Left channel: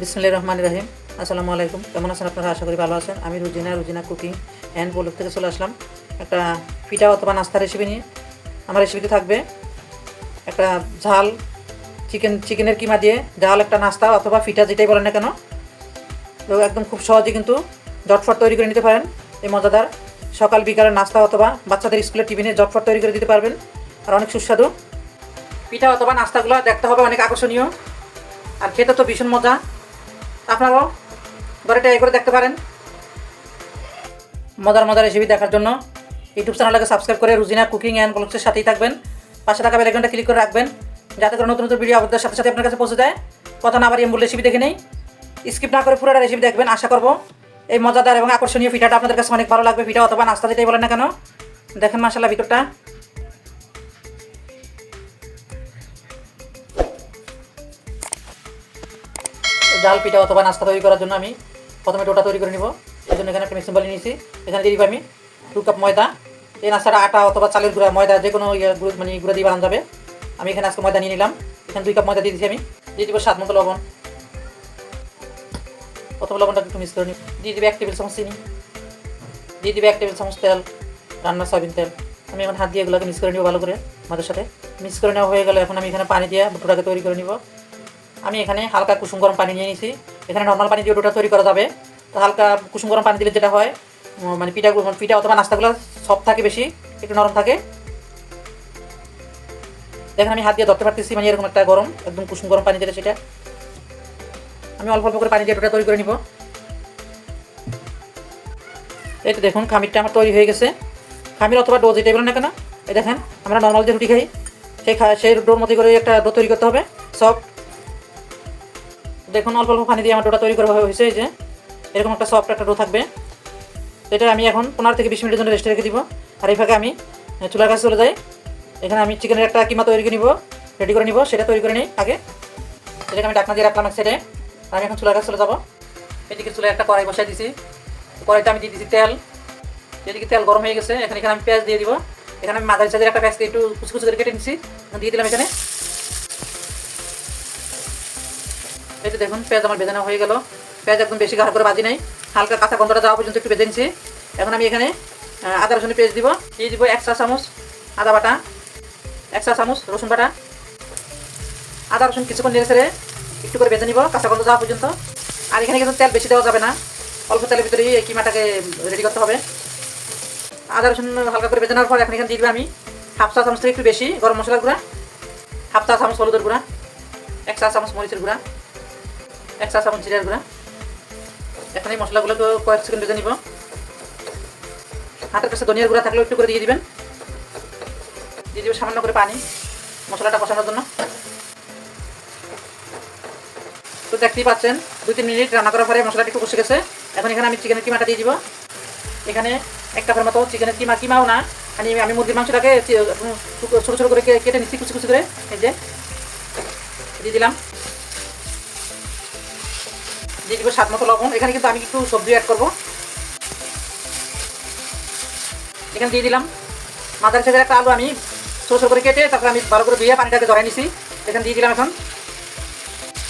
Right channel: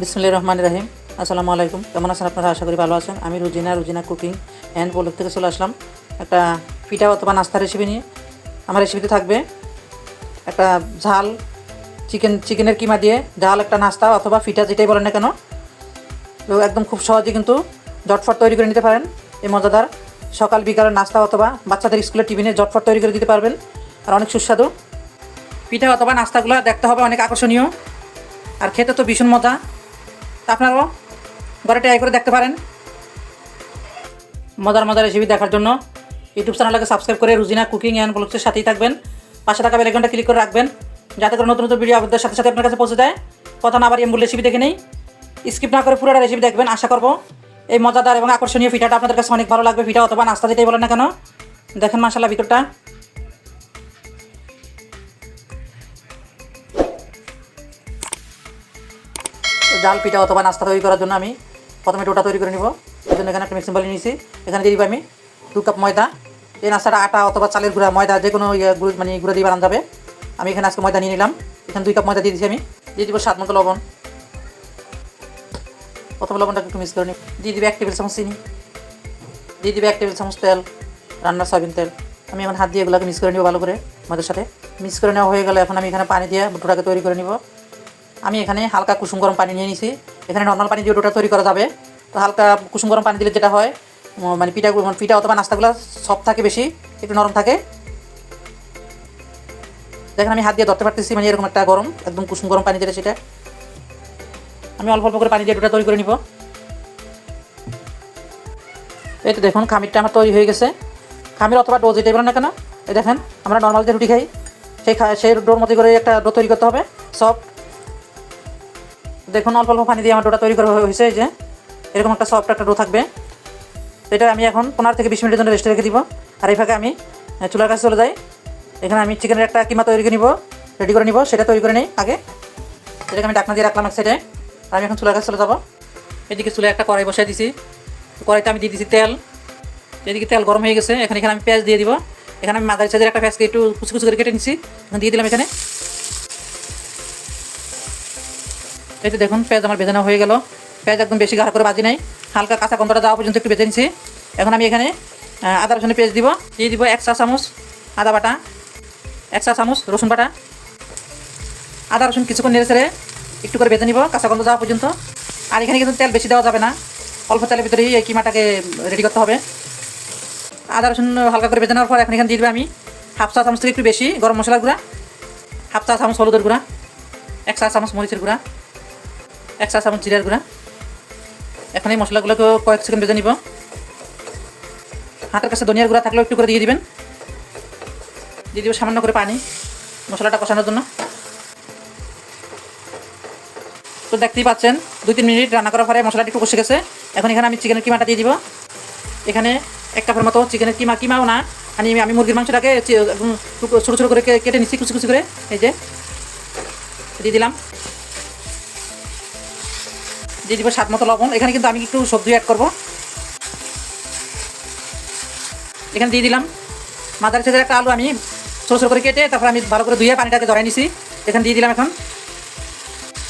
বিসমিল্লাহির রহমানির রহিম। আসসালামু আলাইকুম। কেমন আছেন আপনারা? আশা করি ভালো আছেন। আমি রুজিনা কুকিং অ্যান্ড ব্লগ থেকে চলে আসলাম একটা পিঠা অথবা নাস্তা রেসিপি নিয়ে। আমার রেসিপিতে থাকবে একটা ঝাল চিকেনের কিমা দিয়ে ঝাল একটা নাস্তা অথবা পিঠা যেটাই বলেন না কেন, তো একদম খুব সহজে কিন্তু ঝটফট তৈরি করে নিতে পারেন। এই মজাদার সকাল বিকালের নাস্তা অথবা বাচ্চাদের স্কুলের টিফিনে ঝটফট তৈরি করে দিতে পারবেন। আর অনেক সুস্বাদু পিঠা অথবা নাস্তাগুলো দেখতে হবে অনেক আকর্ষণীয়, আর খেতে তো ভীষণ মজা। আপনারাও ঘরে ট্রাই করে দেখতে পারেন। মজার রেসিপি দেখার জন্য ইউটিউব চ্যানেলটাকে সাবস্ক্রাইব করে রুজিনা কুকিং অ্যান্ড ব্লগসের সাথেই থাকবেন। পাশে থাকা বেল আইকনটা ক্লিক করে রাখবেন, যাতে করে নতুন নতুন ভিডিও আপনাদের সাথে সাথে আপনার কাছে পৌঁছে যায়। কথা না বাড়িয়ে মূল রেসিপি দেখে নেই, স্কিপ না করে পুরোটা রেসিপি দেখবেন। আশা করব এই মজাদার এবং আকর্ষণীয় পিঠাটা আপনাদের কাছে অনেক ভালো লাগবে। পিঠা অথবা নাস্তা যেটাই বলেন না কেন, দেখেন মাশাআল্লাহ ভিতরটা। জাল পিঠা অথবা নাস্তা তৈরি করার জন্য আমি প্রথমে ডোটা তৈরি করে নিব। এই জন্য এখানে একটা মিক্সিং বল নিয়েছি। এখানে দিয়ে দিব আমি 2 কাপ ময়দা। এই নাস্তাটা আটা অথবা চালের গুঁড়া, ময়দা যে কোনো গুঁড়ো দিয়ে বানানো যাবে। আমি এখানে আজকে ময়দা নিয়ে নিলাম। এখানে 2 কাপ ময়দা দিয়ে দিচ্ছি। আমি দিয়ে দিব স্বাদ মতো লবণ। প্রথম লবণটা একটু মিক্স করে নিই। দিয়ে দিবে 1 টেবিল চামচ চিনি, দিয়ে দিবে 1 টেবিল চামচ তেল, রান্নার সয়াবিন তেল। আমি এখন হাত দিয়ে এগুলোকে মিক্স করে নিব ভালো করে। ময়দার সাথে মিক্স করে নেওয়া হয়ে গেলে এখন আমি এখানে পানি দিয়ে ডোটাকে তৈরি করে নিব। আমি এখানে হালকা কুসুম গরম পানি নিয়ে নিয়েছি। এখানে নর্মাল পানি দিয়ে ডোটা তৈরি করা যাবে, তো হালকা কুসুম গরম পানি দিলে যেটা হয় মানে পিঠা অথবা নাস্তাগুলো সফট থাকে, বেশি একটু নরম থাকে। দেখেন আমি হাত দিয়ে ধরতে পারতেছি, মানে এরকম একটা গরম, একদম কুসুম গরম পানি দিলে সেটা আমি অল্প অল্প করে পানি দিয়ে ডোটা তৈরি করে নিব। এই তো দেখুন খামিরটা আমার তৈরি হয়ে গেছে। খামির অথবা ডো যেটাই বলেন না কেন, এই দেখেন আমরা নর্মাল যে রুটি খাই সেই ডোর মতো করে একটা ডো তৈরি করতে হবে সফট। দেখুন অল্প অল্প পানি দিয়ে আমার ডোটা তৈরি করা হয়েছে। এই যে এরকম একটা সফট একটা ডো থাকবে। এটা আমি এখন 15 থেকে 20 মিনিটের জন্য রেস্টে রেখে দিব। আর এই ফাঁকে আমি চুলার কাছে চলে যাই। এখানে আমি চিকেনের একটা কিমা তৈরি করে নিব, রেডি করে নিব। সেটা তৈরি করে নিই আগে। সেটাকে আমি ঢাকনা দিয়ে রাখলাম এক সাইডে। আর আমি এখন চুলার কাছে চলে যাবো। এদিকে চুলে একটা কড়াই বসাই দিছি। কড়াইতে আমি দিয়ে দিচ্ছি তেল। এদিকে তেল গরম হয়ে গেছে। এখানে আমি পেঁয়াজ দিয়ে দিব। এখানে আমি মাঝারি সাইজের একটা পেঁয়াজকে একটু কুচি কুচি করে কেটে নিচ্ছি, দিয়ে দিলাম এখানে। এই যে দেখুন পেঁয়াজ আমার ভেজে নেওয়া হয়ে গেল। পেঁয়াজ একদম বেশি গাঢ় করে ভাজি নাই, হালকা কাঁচা গন্ধটা যাওয়া পর্যন্ত একটু ভেজে নিচ্ছি। এখন আমি এখানে আদা রসুনের পেস্ট দিব। দিয়ে দিব 1 চা চামচ আদা বাটা, 1 চা চামচ রসুন বাটা। আদা রসুন কিছুক্ষণ নেড়ে ছেড়ে একটু করে ভেজে নিব কাঁচা গন্ধ যাওয়া পর্যন্ত। আর এখানে কিন্তু তেল বেশি দেওয়া যাবে না, অল্প তেলের ভিতরেই এই কিমাটাকে রেডি করতে হবে। আদা রসুন হালকা করে ভেজে নেওয়ার পর এখন এখানে দিয়ে দেবে আমি 1/2 চা চামচ থেকে একটু বেশি গরম মশলার গুঁড়া, 1/2 চা চামচ হলুদের গুঁড়া, 1 চা চামচ মরিচের গুঁড়া, 1 চা চামচ জিরার গুঁড়া। এখন এই মশলাগুলোকে কয়েক সেকেন্ড ভেজে নিব। হাতের কাছে ধনিয়ার গুঁড়া থাকলেও একটু করে দিয়ে দিবেন। দিয়ে দিব সামান্য করে পানি মশলাটা কষানোর জন্য। তো দেখতেই পাচ্ছেন 2-3 মিনিট রান্না করার পরে মশলাটা একটু কষে গেছে। এখন এখানে আমি চিকেনের কিমাটা দিয়ে দিব। এখানে 1 কাপের মতো চিকেনের কিমাও না, আমি মুরগির মাংসটাকে ছোটো ছোটো করে কেটে নিচ্ছি কুচি কুচি করে। এই যে দিয়ে দিলাম। দিয়ে দিব স্বাদ মতো লবণ। এখানে কিন্তু আমি একটু সবজি অ্যাড করবো। এখানে দিয়ে দিলাম মাঝারি সাইজের একটা আলু, আমি ছোটো ছোটো করে কেটে তারপর আমি ভালো করে ধুয়ে পানিটাকে জড়াই নিছি। এখানে দিয়ে দিলাম। এখন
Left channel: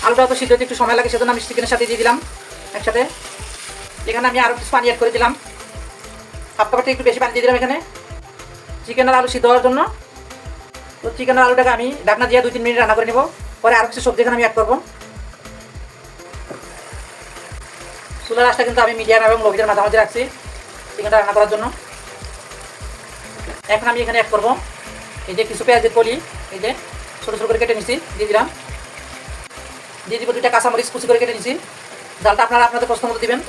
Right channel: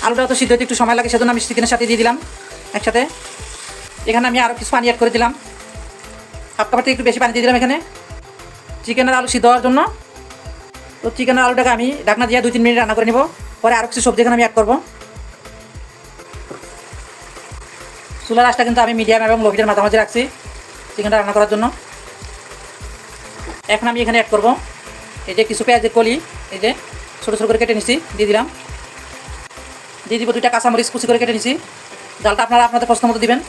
আলুটাও তো সিদ্ধ হতে একটু সময় লাগে, সেজন্য আমি চিকেনের সাথে দিয়ে দিলাম একসাথে। এখানে আমি আরও কিছু পানি অ্যাড করে দিলাম, 1/2 কাপের থেকে একটু বেশি পানি দিয়ে দিলাম এখানে চিকেনের আলু সিদ্ধ হওয়ার জন্য। তো চিকেনের আলুটাকে আমি ঢাকনা দিয়ে 2-3 মিনিট রান্না করে নিব। পরে আরও কিছু সবজি এখানে আমি অ্যাড করবো। চুলার আঁচটা কিন্তু আমি মিডিয়াম এবং লোভিটের মাঝামাঝি রাখছি চিকেনটা রান্না করার জন্য। এখন আমি এখানে অ্যাড করবো এই যে কিছু পেঁয়াজের কলি, এই যে ছোটো ছোটো করে কেটে নিচ্ছি, দিয়ে দিলাম। দিয়ে দিব 2টা কাঁচামরিচ কুচি করে কেটে নিচ্ছি। ডালটা আপনারা আপনাদের পছন্দ মতো দিবেন।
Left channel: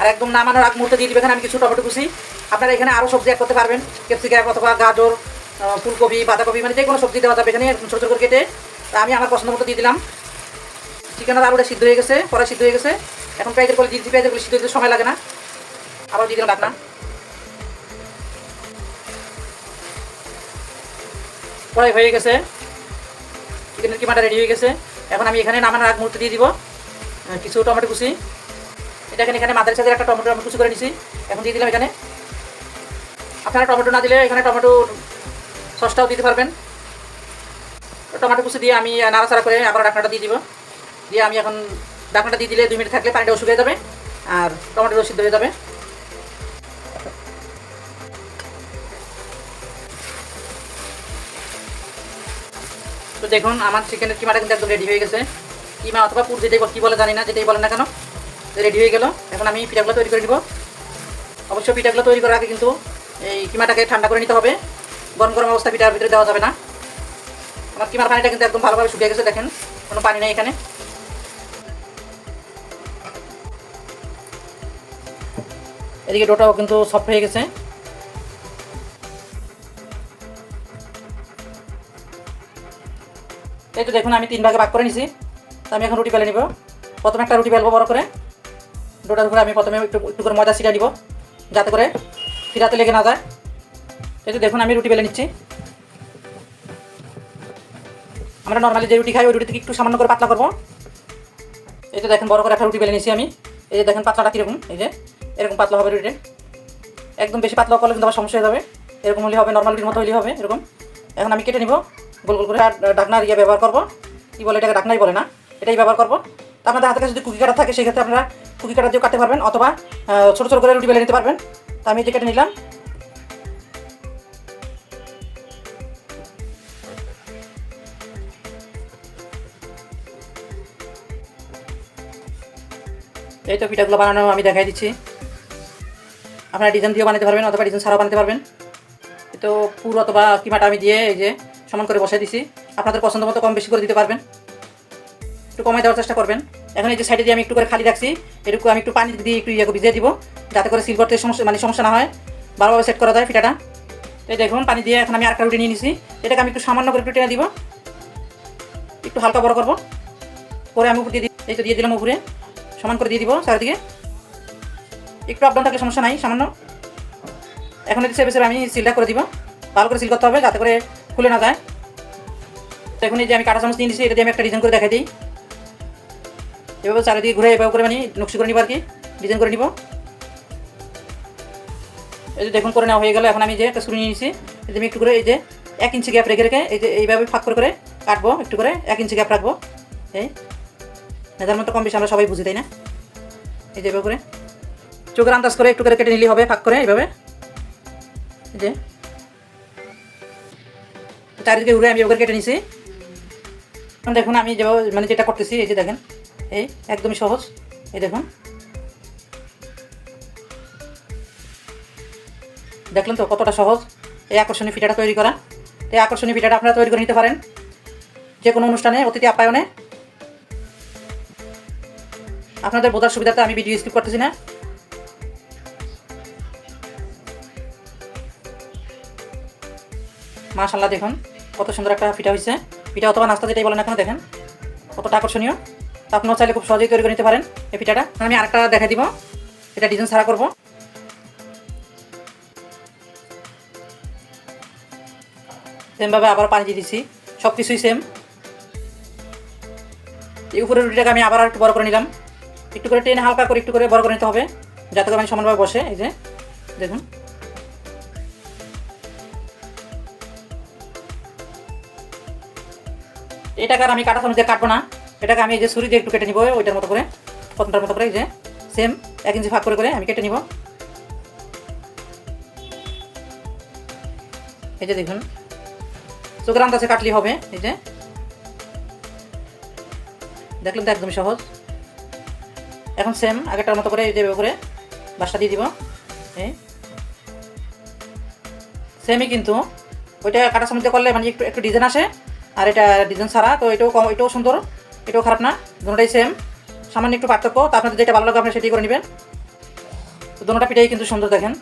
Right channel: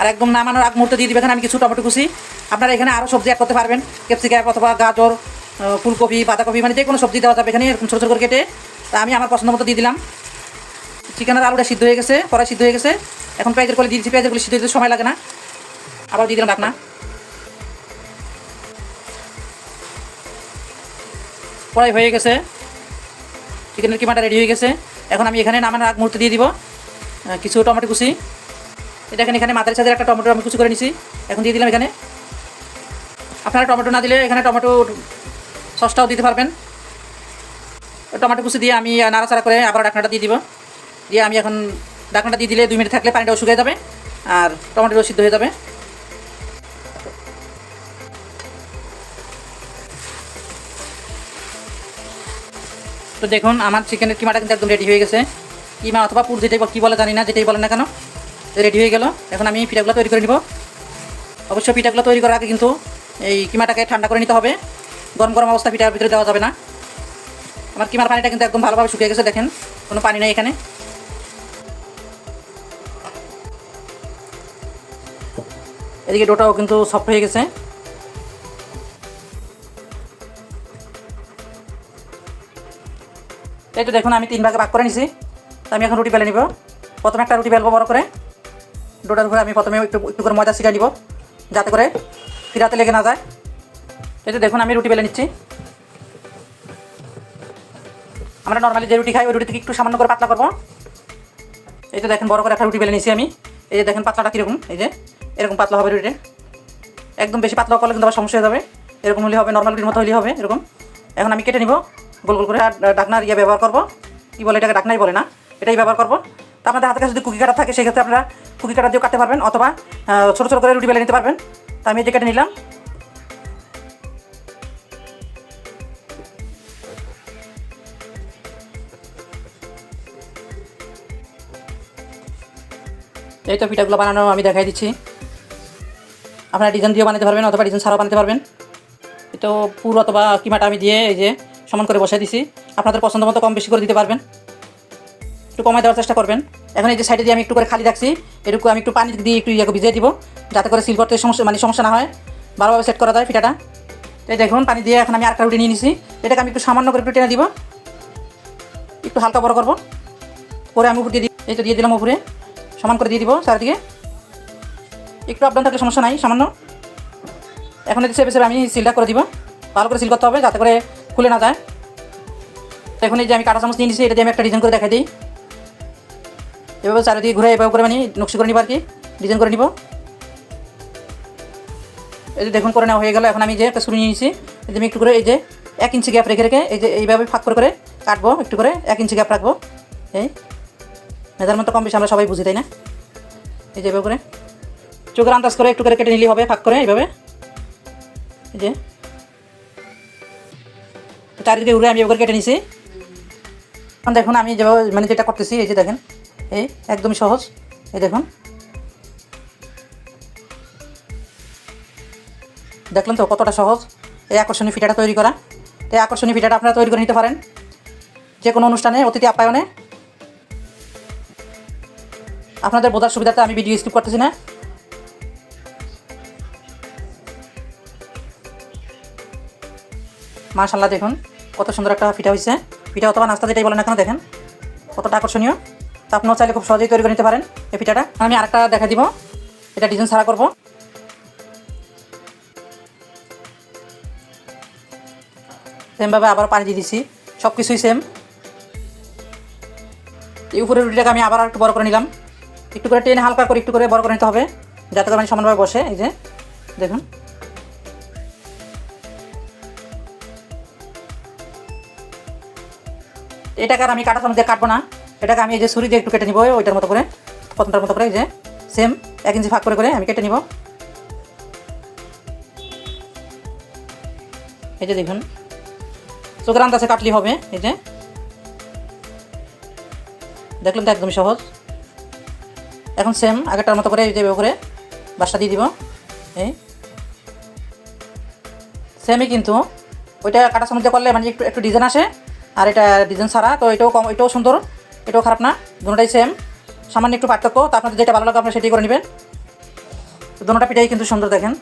আর একদম নামানোর আগ মুহূর্তে দিয়ে দিবেন এখানে আমি কিছু টমেটো কুচি। আপনারা এখানে আরও সবজি অ্যাড করতে পারবেন, ক্যাপসিকাম অথবা গাজর, ফুলকপি, পাতাকপি, মানে যে কোনো সবজি দেওয়া যাবে এখানে ছোটো ছোটো করে কেটে। আমি আমার পছন্দ মতো দিয়ে দিলাম। চিকেনের আলুটা সিদ্ধ হয়ে গেছে, কড়াই সিদ্ধ হয়ে গেছে। এখন পেঁয়াজের কলি দিয়েছি, পেঁয়াজের কলি সিদ্ধ হতে সময় লাগে না। আবার দিয়ে দিলাম ঢাকনা। কড়াই হয়ে গেছে, চিকেনের কিমাটা রেডি হয়ে গেছে। এখন আমি এখানে নামানোর আগ মুহূর্তে দিয়ে দিব কিছু টমেটো কুচি। এটা এখানে মাঝারি সাইজের একটা টমেটো আমি কুচি করে নিছি, এখন দিয়ে দিলাম এখানে। আপনারা টমেটো না দিলে এখানে টমেটো সসটাও দিতে পারবেন। টমেটো কুচি দিয়ে আমি নাড়াচাড়া করে আবার ঢাকনাটা দিয়ে দিব। দিয়ে আমি এখন ঢাকনাটা দিয়ে দিলে 2 মিনিট থাকলে পানিটাও শুকিয়ে যাবে আর টমেটোটাও সিদ্ধ হয়ে যাবে। তো দেখুন আমার চিকেনের কিমাটা কিন্তু একদম রেডি হয়ে গেছে। কিমা অথবা পুর যেটাই কী বলে জানি না, যেটাই বলেন না কেন, রেডি হয়ে গেল। এখন আমি পিঠাগুলো তৈরি করে নিব। অবশ্যই পিঠাগুলো তৈরি করার আগে কিন্তু এই কিমাটাকে ঠান্ডা করে নিতে হবে। গরম গরম অবস্থা পিঠার ভিতরে দেওয়া যাবে না। আমার কিমার পানিটা কিন্তু একদম ভালোভাবে শুকিয়ে গেছে, দেখেন কোনো পানি নেই এখানে। এদিকে ডোটাও কিন্তু সফট হয়ে গেছে। এই তো দেখুন আমি 3 ভাগে ভাগ করে নিছি। তো আমি এখন রুটি বেলে নিব। প্রথমে একটা রুটি বেলবো বড় করে। ডোটার উপরে আমি প্রথমে একটু করে ময়দা ছিটিয়ে নিব, যাতে করে ফিরাতে লেগে না যায়। এই তো দেখুন আমি রুটি বেলে নিচ্ছি। আমরা নর্মালি যে রুটি খাই ওই রুটি থেকে একটু সামান্য করে পাতলা করবো। এই তো দেখেন বড় করে একটা রুটি বেলে নিচ্ছি আমি। এই যে দেখেন পাতলাটা কীরকম, এই যে এরকম পাতলা হবে রুটি। একদম বেশি পাতলা করলে কিন্তু আবার সমস্যা হয়ে যাবে। এরকম হলে হবে, নর্মাল রুটির মতো হলেই হবে এরকম। এখন আমি কেটে নিব গোল গোল করে। আর ঢাকনার ইয়ে ব্যবহার করবো, কী বলে এটাকে, ঢাকনাই বলে না, এটাই ব্যবহার করবো। তো আপনাদের হাতের কাছে যদি কুকি কাটা থাকে সেক্ষেত্রে আপনারা কুকি কাটা দিয়েও কাটতে পারবেন, অথবা ছোটো ছোটো করে রুটি বেলে নিতে পারবেন। তো আমি যে কেটে নিলাম। এই তো পিঠাগুলো বানানো আমি দেখাই দিচ্ছি। আপনারা ডিজাইন দিয়েও বানাতে পারবেন, অথবা ডিজাইন ছাড়াও বানাতে পারবেন। তো পুরো অথবা কিমাটা আমি দিয়ে এই যে সমান করে বসাই দিছি। আপনাদের পছন্দ মতো কম বেশি করে দিতে পারবেন, একটু কমাই দেওয়ার চেষ্টা করবেন। এখন এই যে সাইডে দিয়ে আমি একটু করে খালি রাখছি, এটুকু আমি একটু পানি দিয়ে একটু ভিজিয়ে দিব, যাতে করে সিল করতে সমস্যা না হয়, ভালোভাবে সেট করা যায় পিঠাটা। এই দেখুন পানি দিয়ে এখন আমি আরেকটা রুটি নিয়ে নিছি। এটাকে আমি একটু সামান্য করে একটু টেনে দিব, একটু হালকা বড় করবো করে আমি উপর দিয়ে দিই। এই তো দিয়ে দিলাম উপরে, সমান করে দিয়ে দিব চারিদিকে। একটু আপডাউন থাকলে সমস্যা নাই, সামান্য। এখন এই সেপে আমি সিলটা করে দিব, ভালো করে সিল করতে হবে যাতে করে খুলে না যায়। এখন এই যে আমি কাঁটা চামচ নিয়ে নিচ্ছি, এটা দিয়ে আমি একটা ডিজাইন করে দেখাই দিই। এভাবে চারিদিকে ঘুরে এভাবে করে নকশি করে নিব আর কি, ডিজাইন করে নিব। এই যে দেখুন করে নেওয়া হয়ে গেল। এখন আমি যে একটা ছুরি নিয়ে নিয়েছি, এই যে আমি একটু করে এই যে 1 ইঞ্চি গ্যাপ রেখে রেখে এই যে এইভাবে ফাঁক করে করে কাটবো, একটু করে 1 ইঞ্চি গ্যাপ রাখবো। এই মেজারমেন্ট তো কম বেশি আমরা সবাই বুঝি, তাই না? এই যে এভাবে করে চোখের আন্দাজ করে একটু করে কেটে নিলেই হবে, ফাঁক করে এইভাবে। এই যে চারিদিকে ঘুরে আমি এভাবে কেটে নিছি। এখন দেখুন আমি যেভাবে যেটা করতেছি, এই যে দেখেন এই একদমই সহজ। এই দেখুন দেখলেন তো কতটা সহজ এই আকর্ষণীয় পিঠাটা তৈরি করা। এই আকর্ষণীয় পিঠাটা আপনারা তৈরি করে নিতে পারেন যে কোনো অনুষ্ঠানে, অতিথি আপ্যায়নে। আপনাদের বোঝার সুবিধাতে আমি ভিডিও স্কিপ করতেছি না। মাশাআল্লাহ দেখুন কত সুন্দর একটা পিঠা হয়েছে। পিঠা অথবা নাস্তা যেটাই বলেন না কেন, দেখেন কতটা আকর্ষণীয়। তো আপনারাও চাইলে খুব সহজেই তৈরি করে নিতে পারেন এই পিঠাটা। আমি আরেকটা দেখাই দিব, এটা ডিজাইন ছাড়া করবো। সেমভাবে আবার পানি দিয়ে দিচ্ছি, সব কিছুই সেম। এই উপরের রুটিটাকে আমি আবার একটু বড় করে নিলাম, একটু করে টেনে হালকা করে একটু করে বড় করে নিতে হবে, যাতে করে সমানভাবে বসে। এই যে দেখুন এটাকে আর আমি কাটা চামচ দিয়ে কাটবো না, এটাকে আমি এই যে ছুরি দিয়ে একটু কেটে নিব, ওইটার মতো করে, প্রথমটার মতো করে। এই যে সেম 1 ইঞ্চি ভাগ করে করে আমি কেটে নিব। এই যে দেখুন চোখের আন্দাজে কাটলেই হবে। এই যে দেখলেন তো একদমই সহজ। এখন সেম আগেরটার মতো করে এই যে করে বাসটা দিয়ে দিব। এই সেমই, কিন্তু ওইটা কাটা চামচ দিয়ে করলে একটু একটু ডিজাইন আসে, আর এটা ডিজাইন ছাড়া। তো এটাও সুন্দর, এটাও খারাপ না, দুটোটাই সেম, সামান্য একটু পার্থক্য। তো আপনাদের যেটা ভালো লাগে আপনি সেটাই করে নেবেন। তো দুটোটা পিঠাই কিন্তু সুন্দর, দেখেন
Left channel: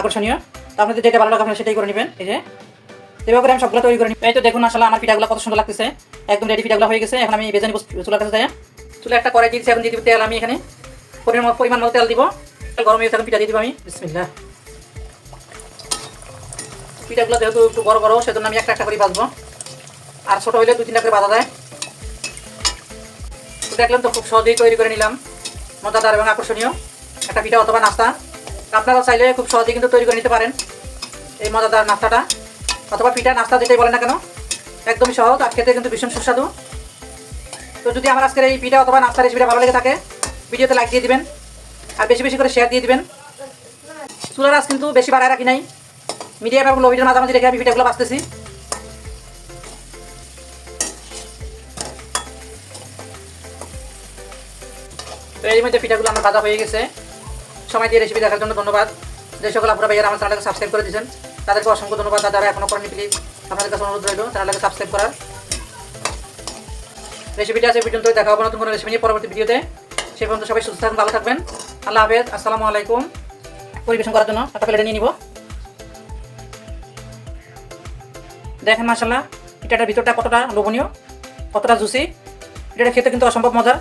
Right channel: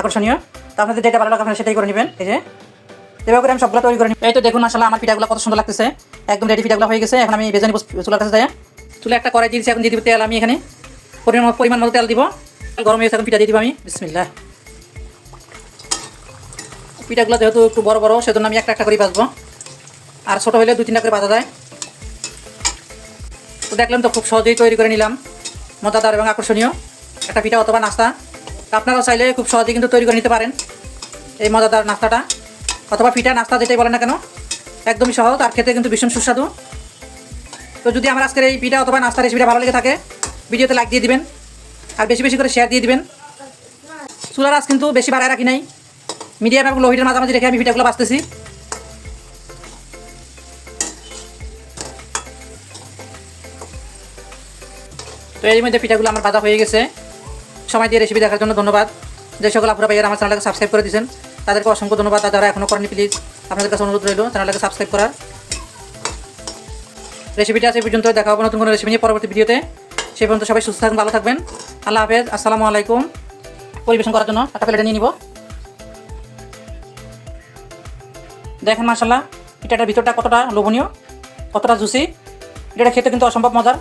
আকর্ষণীয়। তো আপনাদের যেটা ভালো লাগে আপনি সেটাই করে নেবেন। এই যে এভাবে করে আমি সবগুলো তৈরি করে নিই। এই তো দেখুন আসলে আমার পিঠাগুলো কত সুন্দর লাগতেছে, একদম রেডি পিঠাগুলো হয়ে গেছে। এখন আমি ভেজে নিব চুলার কাছে যাই। চুলে একটা কড়াই দিয়েছি, এখন দিয়ে দিব তেল। আমি এখানে পরিমাণ মতো তেল দিব, গরম হয়ে এখন পিঠা দিয়ে দিব আমি। বিসমিল্লাহ। পিঠাগুলো যেহেতু একটু বড় বড়, সেজন্য আমি একটা একটা করে ভাজবো, আর ছোটো হলে 2-3টা করে ভাজা যায়। তো দেখলেন তো খুব সহজেই তৈরি করে নিলাম মজাদার এবং আকর্ষণীয় একটা পিঠা অথবা নাস্তা। আপনারা চাইলে খুব সহজেই কিন্তু তৈরি করে নিতে পারেন এই মজাদার নাস্তাটা, অথবা পিঠা নাস্তা যেটাই বলেন না কেন, একদমই সহজ আর খেতে কিন্তু ভীষণ সুস্বাদু। তো যদি আমার আজকের এই পিঠা অথবা নাস্তার রেসিপিটা ভালো লেগে থাকে ভিডিওতে লাইক দিয়ে দিবেন আর বেশি বেশি করে শেয়ার দিয়ে দিবেন। চুলার আঁচ কিন্তু বেশি বাড়ায় রাখি নাই, মিডিয়াম এবং লো হিটের মাঝামাঝি রেখে আমি পিঠাগুলো বাঁচতেছি। তো এই মধ্যে পিঠাগুলো আমার ভাজা হয়ে গেছে। সময় দিয়ে রেসিপি দেখার জন্য ধন্যবাদ। যে সকল আপুরা ভাইয়ারা আমার চ্যানেলটাকে সাবস্ক্রাইব করে দিয়েছেন তাদেরকে অসংখ্য ধন্যবাদ। আর যারা এখনও করেনি প্লিজ আপনাদের কাছে অনুরোধ রইল চ্যানেলটাকে সাবস্ক্রাইব করার। রেসিপিটা আছে পর্যন্ত, দেখা হবে নতুন কোনো রেসিপি নিয়ে পরবর্তী ভিডিওতে। সেই পর্যন্ত সবাই সুস্থ থাকবেন, ভালো থাকবেন। আল্লাহ হাফেজ, আসসালামু আলাইকুম। পরিবেশন করার জন্য একটা প্লেটে নিয়ে নিব। দেখেন মাশাআল্লাহ পিঠাটার ভিতরটা কতটা লোভনীয়, কতটা জুসি। এটা খেতে কিন্তু অসম্ভব মজার।